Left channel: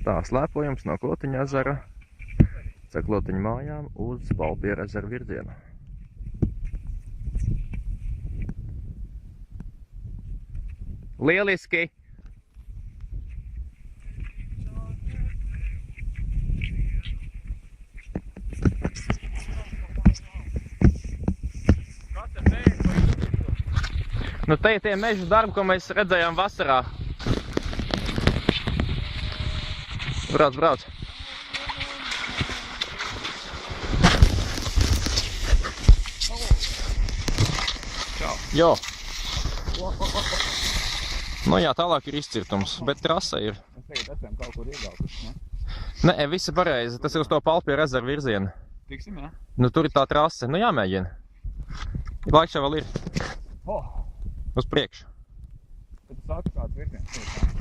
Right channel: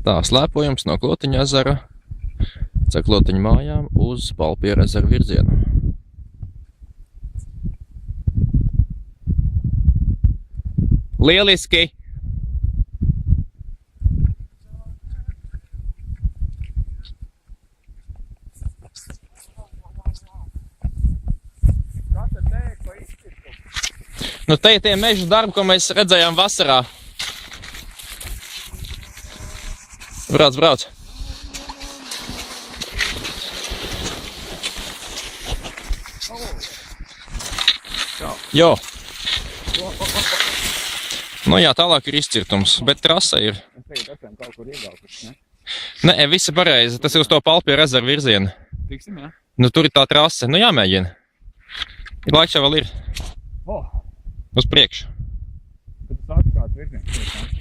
Tā, slēpojums no Klotiņa ezera, caur Klotiņu mājām uz Balpieru ezeru virzienu. Lieliski! Nu, te ir tie meža darbi, ko mēs redzējām vasarā. Brauc, brauc. Jo. Nu jā, tālāk ir izcirtums, bet trasa ir. Es tagad esam kaut kur iegaukuši, ne? Nē, visi pareizi, tas ir uz to Balpieru ezeru virzienu. Tiksim, jā? Nu, tur ir tā trase, nu jāmēģina. Laiks jau vēl ir. Oh, Uz priekšu. tad tu sāci kāds virziens.